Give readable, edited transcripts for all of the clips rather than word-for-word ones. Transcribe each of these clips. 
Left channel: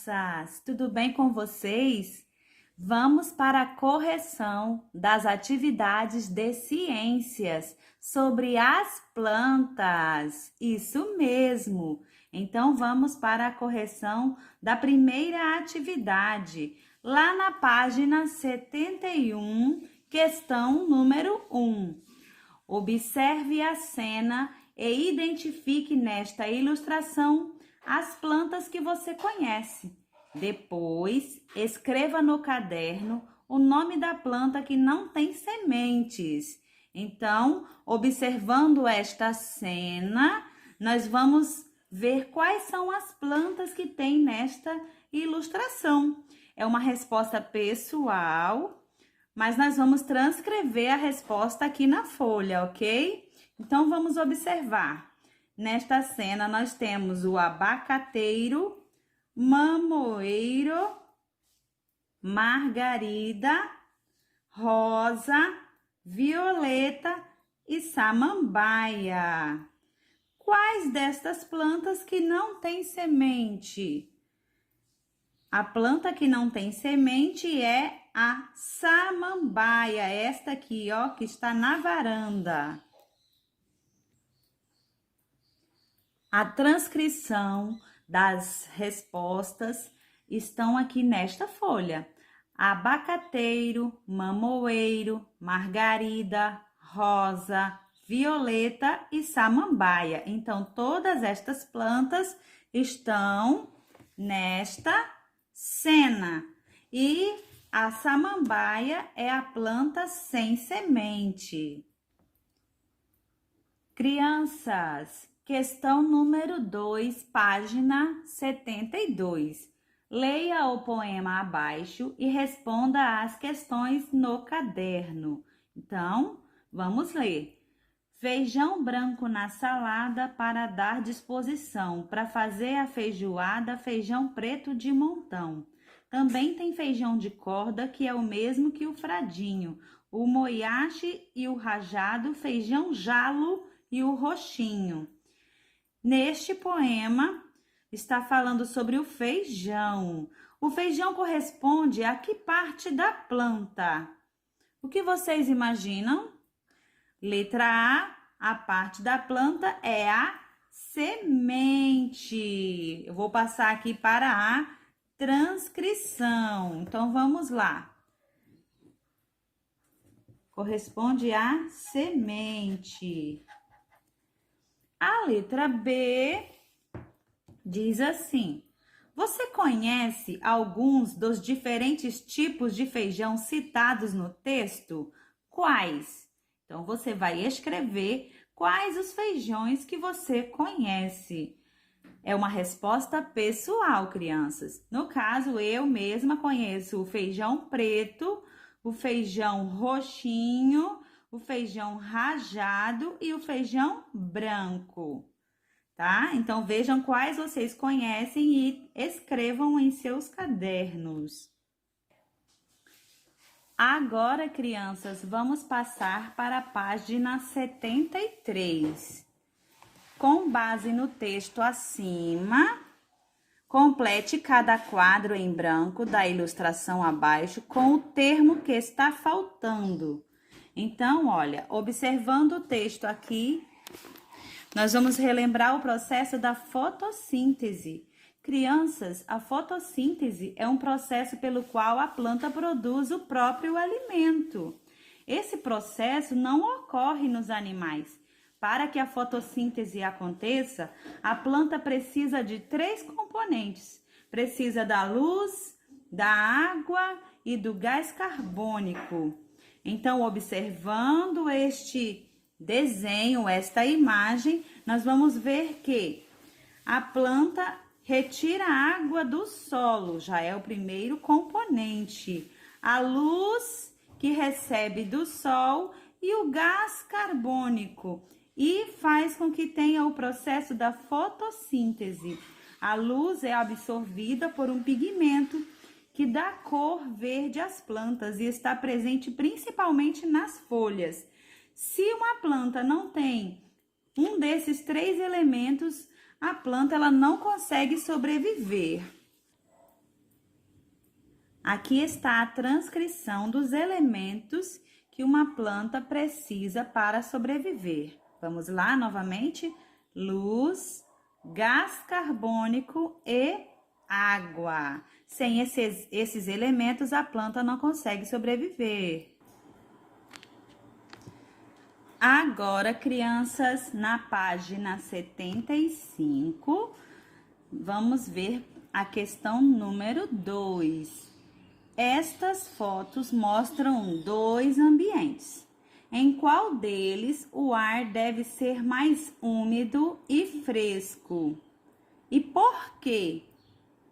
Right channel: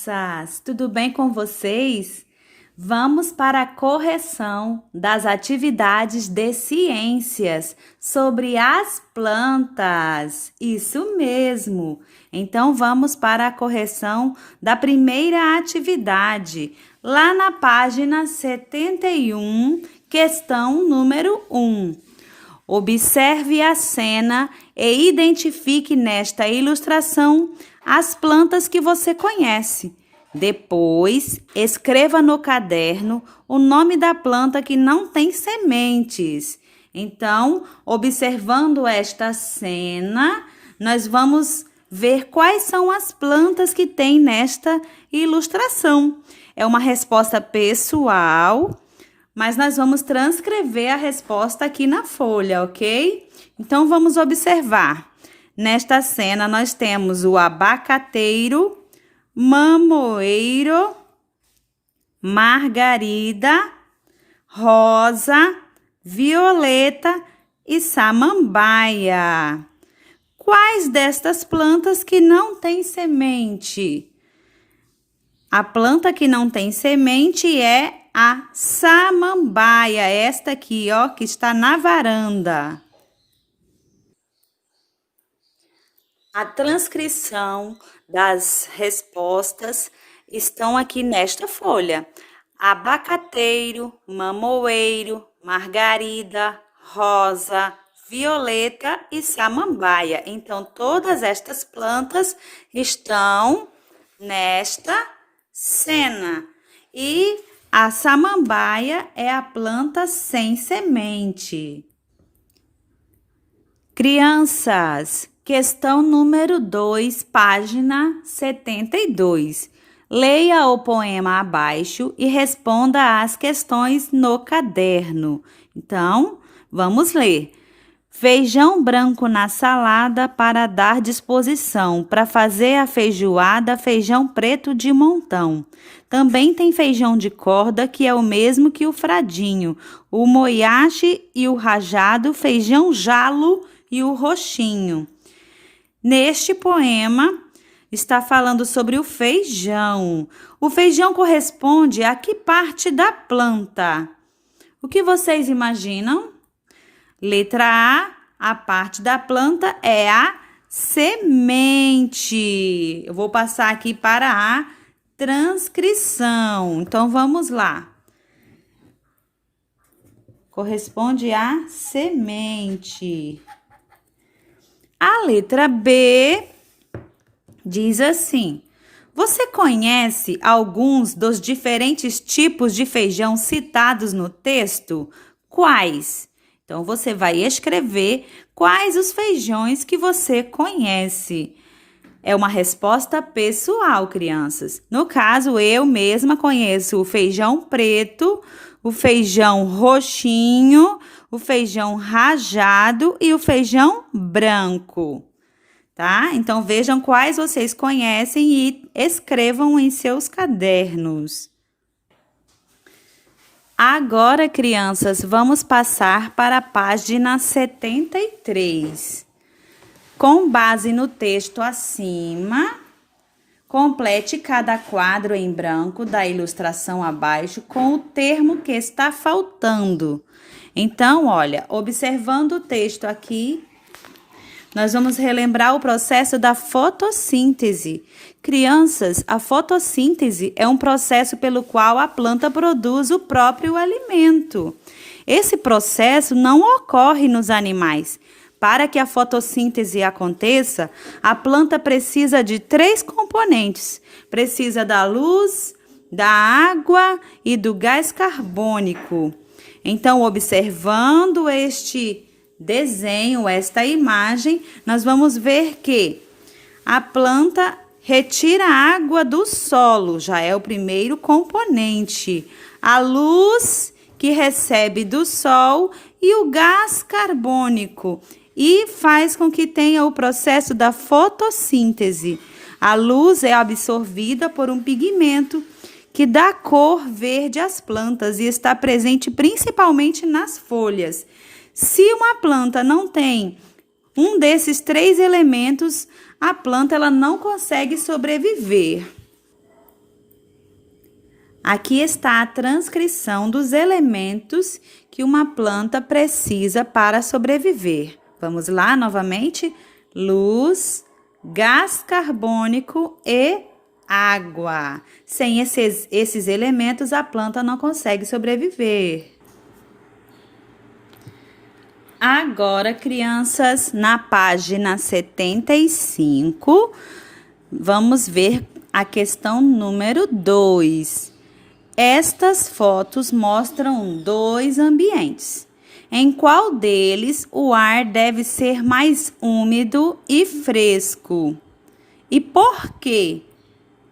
crianças! Tudo bem com vocês? Vamos para a correção das atividades de ciências sobre as plantas. Isso mesmo! Então, vamos para a correção da primeira atividade, lá na página 71, questão número 1. Observe a cena e identifique nesta ilustração as plantas que você conhece. Depois, escreva no caderno o nome da planta que não tem sementes. Então, observando esta cena, nós vamos ver quais são as plantas que tem nesta ilustração. É uma resposta pessoal, mas nós vamos transcrever a resposta aqui na folha, ok? Então, vamos observar. Nesta cena, nós temos o abacateiro, mamoeiro, margarida, rosa, violeta e samambaia. Quais destas plantas que não têm semente? A planta que não tem semente é a samambaia, esta aqui, ó, que está na varanda. A transcrição das respostas estão aqui nesta folha. Abacateiro, mamoeiro, margarida, rosa, violeta e samambaia. Então, todas estas plantas estão nesta cena. E a samambaia é a planta sem semente. Crianças, questão número 2, página 72. Leia o poema abaixo e responda às questões no caderno. Então, vamos ler. Feijão branco na salada para dar disposição. Para fazer a feijoada, feijão preto de montão. Também tem feijão de corda, que é o mesmo que o fradinho. O moiache e o rajado, feijão jalo e o roxinho. Neste poema, está falando sobre o feijão. O feijão corresponde a que parte da planta? O que vocês imaginam? Letra A parte da planta é a semente. Eu vou passar aqui para a transcrição. Então, vamos lá. Corresponde a semente. A letra B diz assim: você conhece alguns dos diferentes tipos de feijão citados no texto? Quais? Então, você vai escrever quais os feijões que você conhece. É uma resposta pessoal, crianças. No caso, eu mesma conheço o feijão preto, o feijão roxinho, o feijão rajado e o feijão branco. Tá? Então, vejam quais vocês conhecem e escrevam em seus cadernos. Agora, crianças, vamos passar para a página 73. Com base no texto acima, complete cada quadro em branco da ilustração abaixo com o termo que está faltando. Então, olha, observando o texto aqui, nós vamos relembrar o processo da fotossíntese. Crianças, a fotossíntese é um processo pelo qual a planta produz o próprio alimento. Esse processo não ocorre nos animais. Para que a fotossíntese aconteça, a planta precisa de 3 componentes. Precisa da luz, da água e do gás carbônico. Então, observando este desenho, esta imagem, nós vamos ver que a planta retira a água do solo, já é o primeiro componente. A luz que recebe do sol e o gás carbônico e faz com que tenha o processo da fotossíntese. A luz é absorvida por um pigmento que dá cor verde às plantas e está presente principalmente nas folhas. Se uma planta não tem um desses 3 elementos, a planta ela não consegue sobreviver. Aqui está a transcrição dos elementos que uma planta precisa para sobreviver. Vamos lá novamente? Luz, gás carbônico e água. Sem esses elementos, a planta não consegue sobreviver. Agora, crianças, na página 75, vamos ver a questão número 2. Estas fotos mostram 2 ambientes. Em qual deles o ar deve ser mais úmido e fresco? E por quê?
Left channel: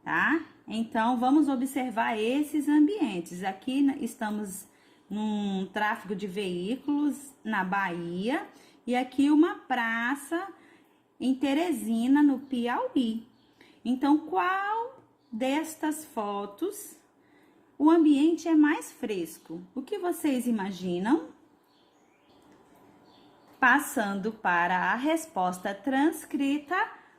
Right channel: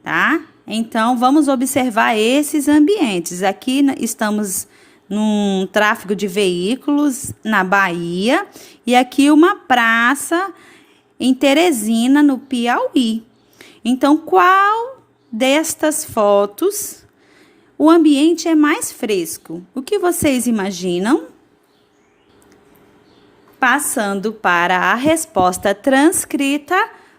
Tá? Então, vamos observar esses ambientes. Aqui estamos num tráfego de veículos na Bahia e aqui uma praça em Teresina, no Piauí. Então, qual destas fotos o ambiente é mais fresco? O que vocês imaginam? Passando para a resposta transcrita,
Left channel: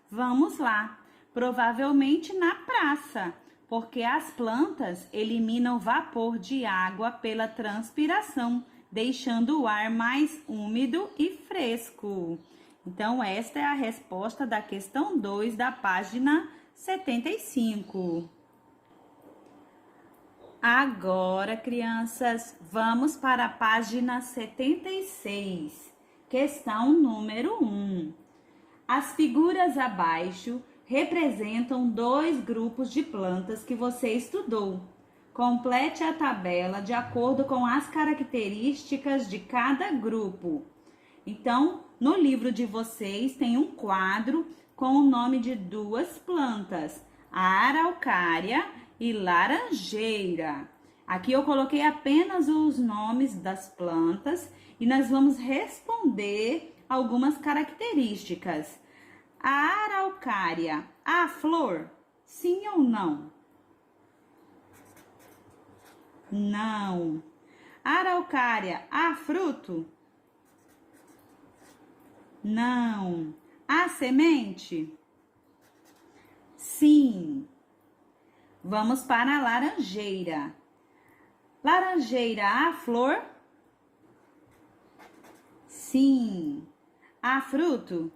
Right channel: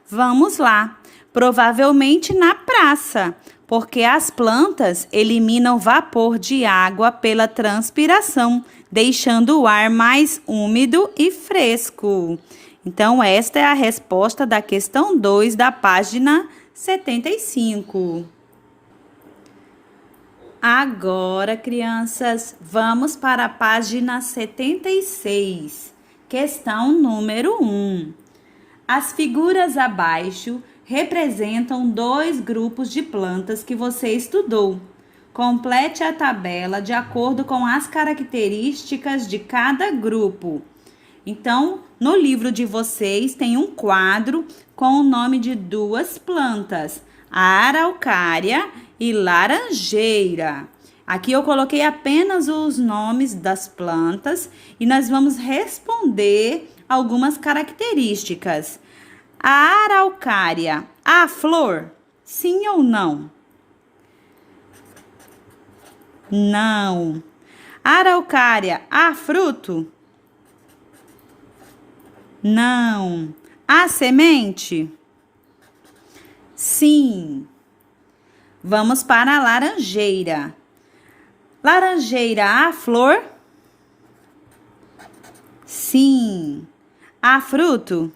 vamos lá. Provavelmente na praça, porque as plantas eliminam vapor de água pela transpiração, deixando o ar mais úmido e fresco. Então, esta é a resposta da questão 2 da página 75. Agora, crianças, vamos para a página 76, questão número 1. As figuras abaixo representam 2 grupos de plantas que você estudou. Complete a tabela de acordo com as características de cada grupo. Então, no livro de vocês tem um quadro com o nome de 2 plantas, a araucária e laranjeira. Aqui eu coloquei apenas os nomes das plantas e nós vamos responder algumas características. A araucária, há flor? Sim ou não? Não. A araucária, há fruto? Não. Há semente? Sim. Vamos para a laranjeira. Laranjeira, há flor? Sim. Há fruto?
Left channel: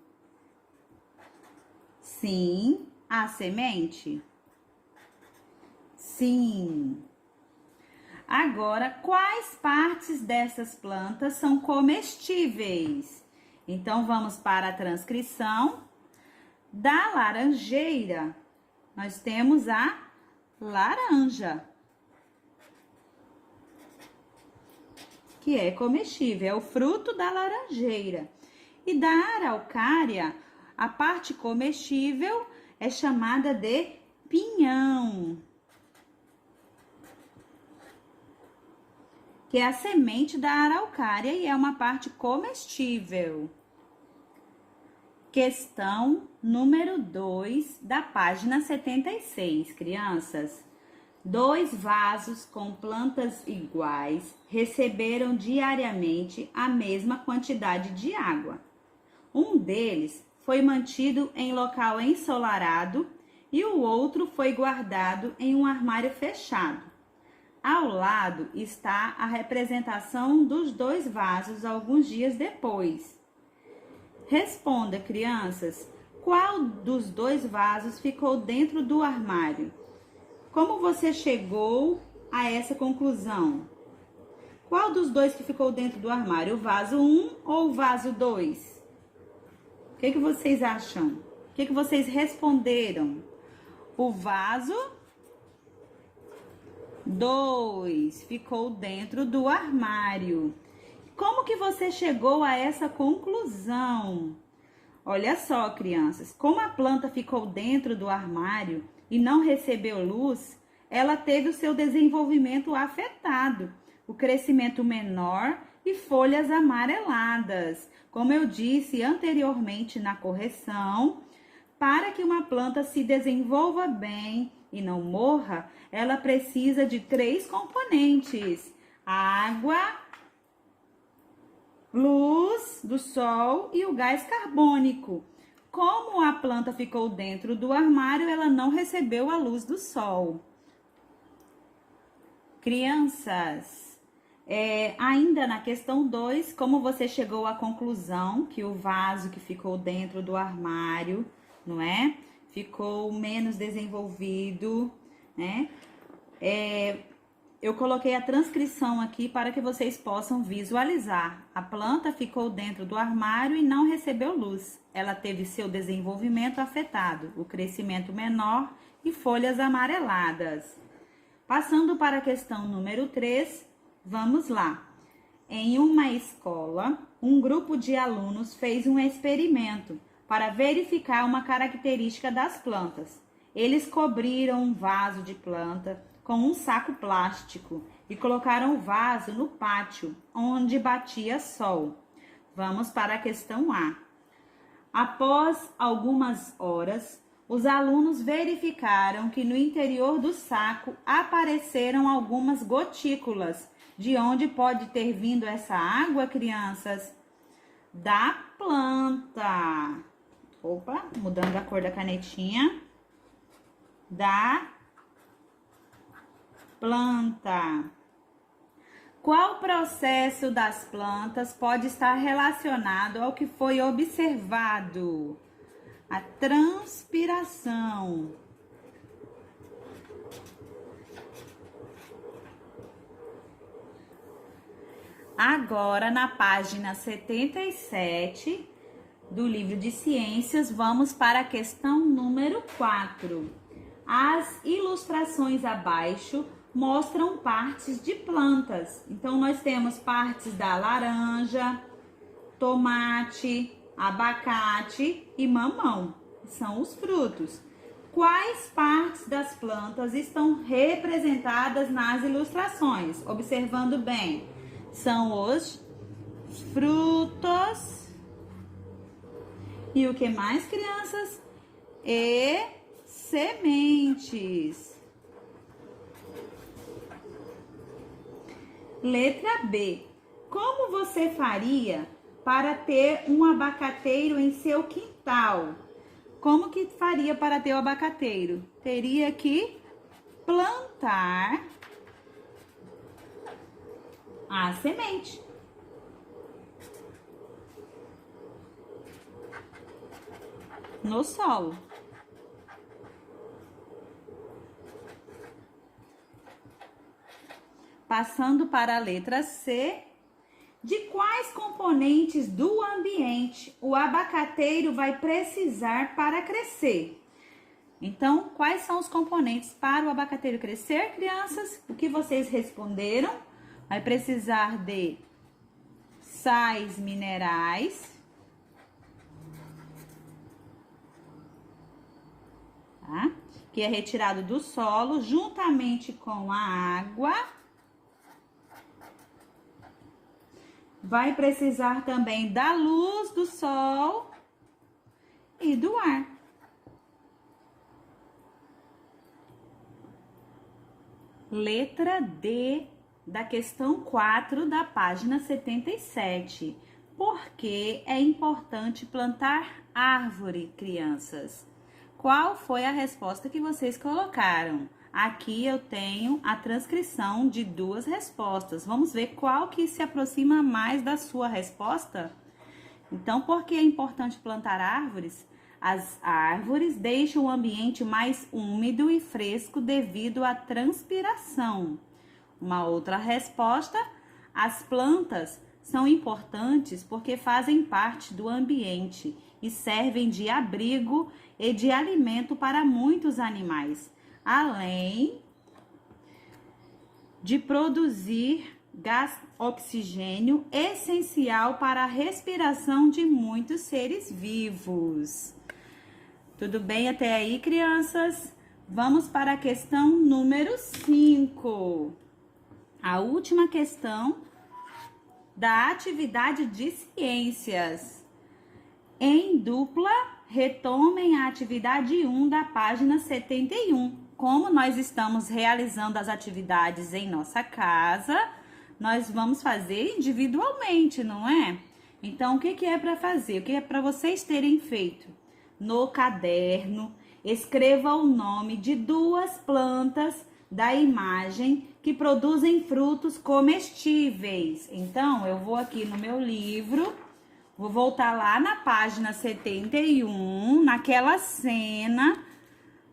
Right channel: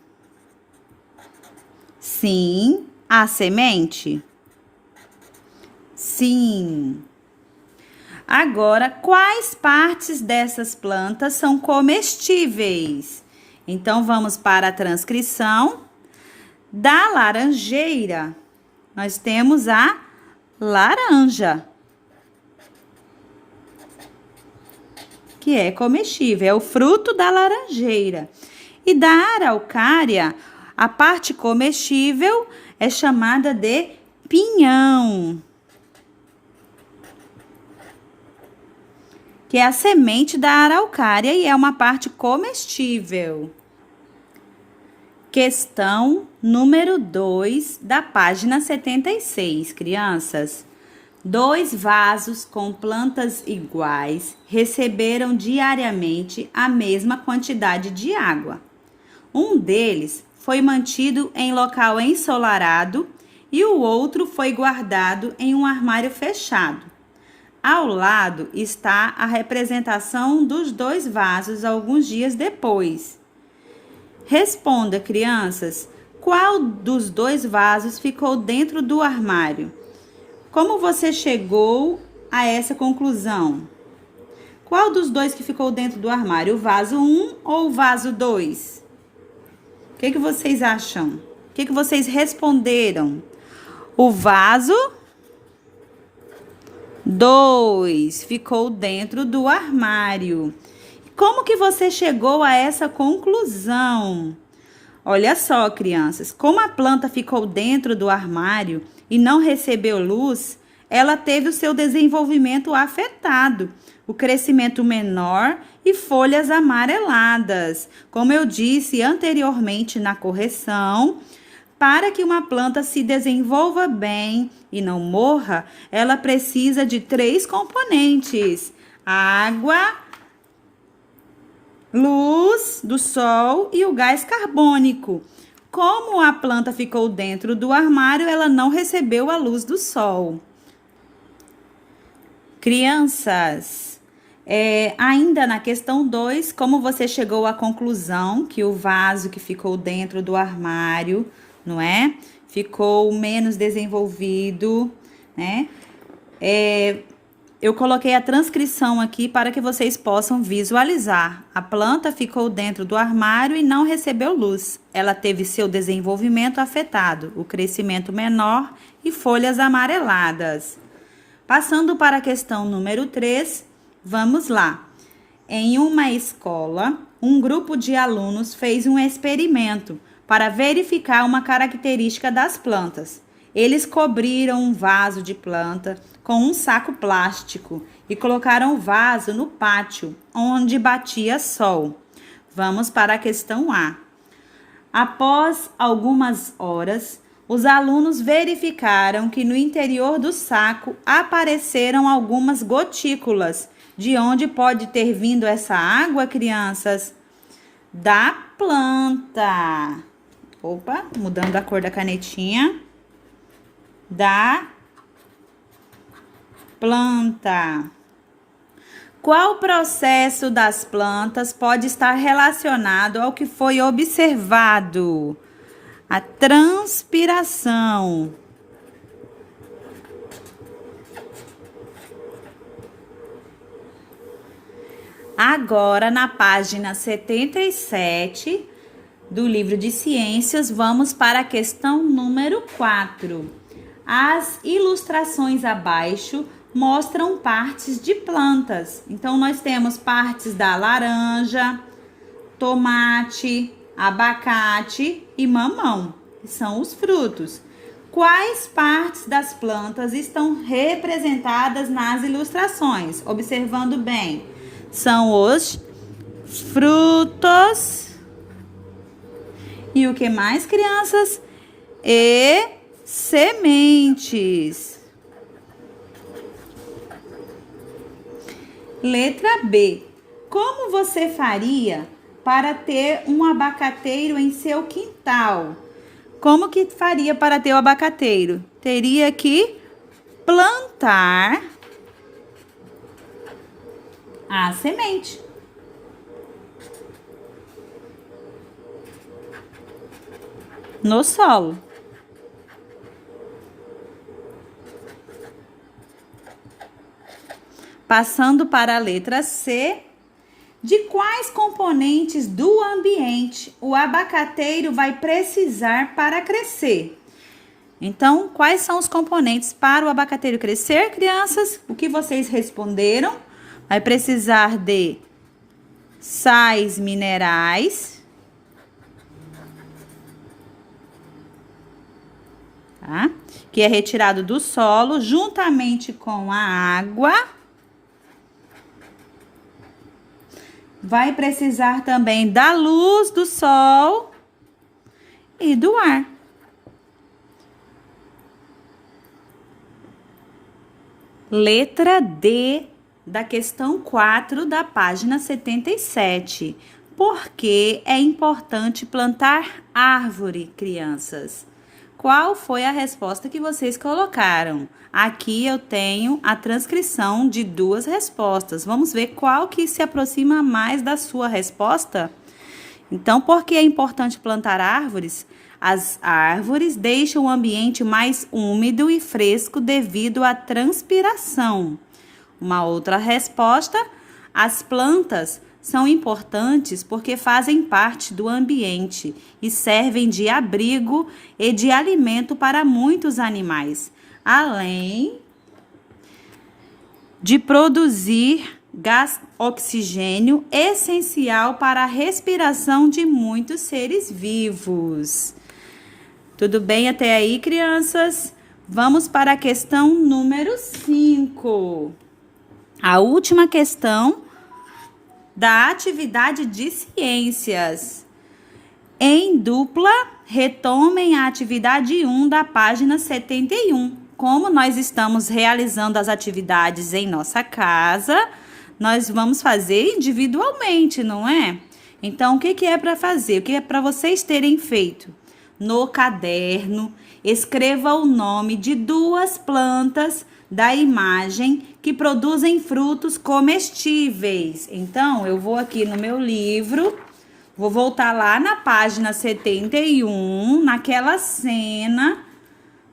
Sim. Há semente? Sim. Agora, quais partes dessas plantas são comestíveis? Então, vamos para a transcrição da laranjeira. Nós temos a laranja, que é comestível, é o fruto da laranjeira. E da araucária, a parte comestível é chamada de pinhão, que é a semente da araucária e é uma parte comestível. Questão número 2 da página 76, crianças. 2 vasos com plantas iguais receberam diariamente a mesma quantidade de água. Um deles foi mantido em local ensolarado e o outro foi guardado em um armário fechado. Ao lado está a representação dos 2 vasos alguns dias depois. Responda, crianças, qual dos 2 vasos ficou dentro do armário? Como você chegou a essa conclusão? Qual dos 2 que ficou dentro do armário? O vaso 1 ou o vaso 2? O que vocês acham? O que vocês responderam? O vaso 2 ficou dentro do armário. Como que você chegou a essa conclusão? Olha só, crianças, como a planta ficou dentro do armário e não recebeu luz, ela teve o seu desenvolvimento afetado, o crescimento menor e folhas amareladas. Como eu disse anteriormente na correção, para que uma planta se desenvolva bem e não morra, ela precisa de 3 componentes: água, luz do sol e o gás carbônico. Como a planta ficou dentro do armário, ela não recebeu a luz do sol. Crianças, ainda na questão 2, como você chegou à conclusão que o vaso que ficou dentro do armário, não é? Ficou menos desenvolvido, né? Eu coloquei a transcrição aqui para que vocês possam visualizar. A planta ficou dentro do armário e não recebeu luz. Ela teve seu desenvolvimento afetado, o crescimento menor e folhas amareladas. Passando para a questão número 3, vamos lá. Em uma escola, um grupo de alunos fez um experimento para verificar uma característica das plantas. Eles cobriram um vaso de planta com um saco plástico e colocaram o vaso no pátio, onde batia sol. Vamos para a questão A. Após algumas horas, os alunos verificaram que no interior do saco apareceram algumas gotículas. De onde pode ter vindo essa água, crianças? Da planta. Opa, mudando a cor da canetinha. Da planta. Qual processo das plantas pode estar relacionado ao que foi observado? A transpiração. Agora, na página 77 do livro de ciências, vamos para a questão número 4. As ilustrações abaixo mostram partes de plantas. Então, nós temos partes da laranja, tomate, abacate e mamão, que são os frutos. Quais partes das plantas estão representadas nas ilustrações? Observando bem, são os frutos e o que mais, crianças? E sementes. Letra B. Como você faria para ter um abacateiro em seu quintal? Como que faria para ter o abacateiro? Teria que plantar a semente. No solo. Passando para a letra C. De quais componentes do ambiente o abacateiro vai precisar para crescer? Então, quais são os componentes para o abacateiro crescer, crianças? O que vocês responderam? Vai precisar de sais minerais, tá? Que é retirado do solo juntamente com a água. Vai precisar também da luz do sol e do ar. Letra D da questão 4 da página 77. Por que é importante plantar árvore, crianças? Qual foi a resposta que vocês colocaram? Aqui eu tenho a transcrição de 2 respostas. Vamos ver qual que se aproxima mais da sua resposta? Então, por que é importante plantar árvores? As árvores deixam o ambiente mais úmido e fresco devido à transpiração. Uma outra resposta: as plantas são importantes porque fazem parte do ambiente e servem de abrigo e de alimento para muitos animais, além de produzir gás oxigênio essencial para a respiração de muitos seres vivos. Tudo bem até aí, crianças? Vamos para a questão número 5. A última questão da atividade de ciências. Em dupla, retomem a atividade 1 da página 71. Como nós estamos realizando as atividades em nossa casa, nós vamos fazer individualmente, não é? Então, o que é para fazer? O que é para vocês terem feito? No caderno, Escreva o nome de 2 plantas da imagem que produzem frutos comestíveis. Então, eu vou aqui no meu livro, vou voltar lá na página 71, naquela cena,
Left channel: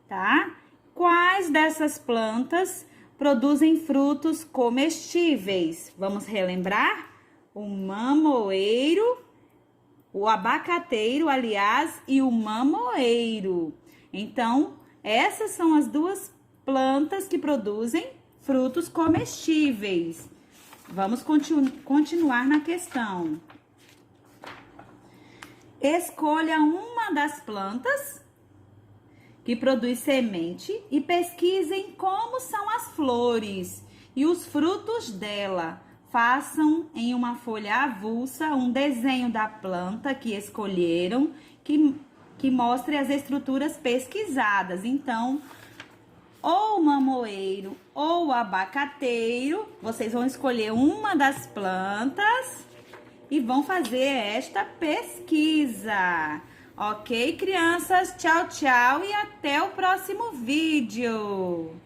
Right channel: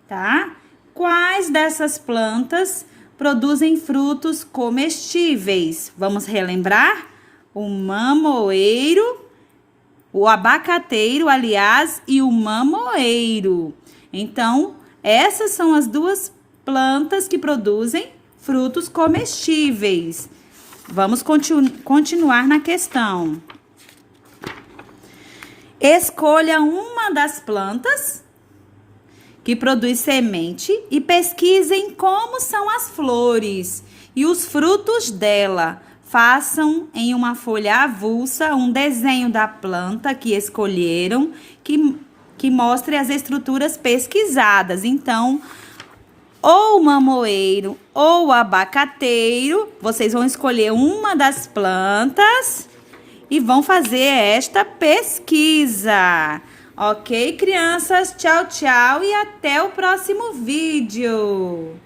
tá? Quais dessas plantas produzem frutos comestíveis? Vamos relembrar? O mamoeiro, o abacateiro, aliás, e o mamoeiro. Então, essas são as 2 plantas que produzem frutos comestíveis. Vamos continuar na questão. Escolha uma das plantas que produz semente e pesquisem como são as flores e os frutos dela. Façam em uma folha avulsa um desenho da planta que escolheram, que mostre as estruturas pesquisadas. Então, ou o mamoeiro ou o abacateiro, vocês vão escolher uma das plantas e vão fazer esta pesquisa. Ok, crianças? Tchau, tchau e até o próximo vídeo.